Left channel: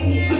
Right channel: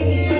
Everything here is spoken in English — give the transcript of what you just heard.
Thank you.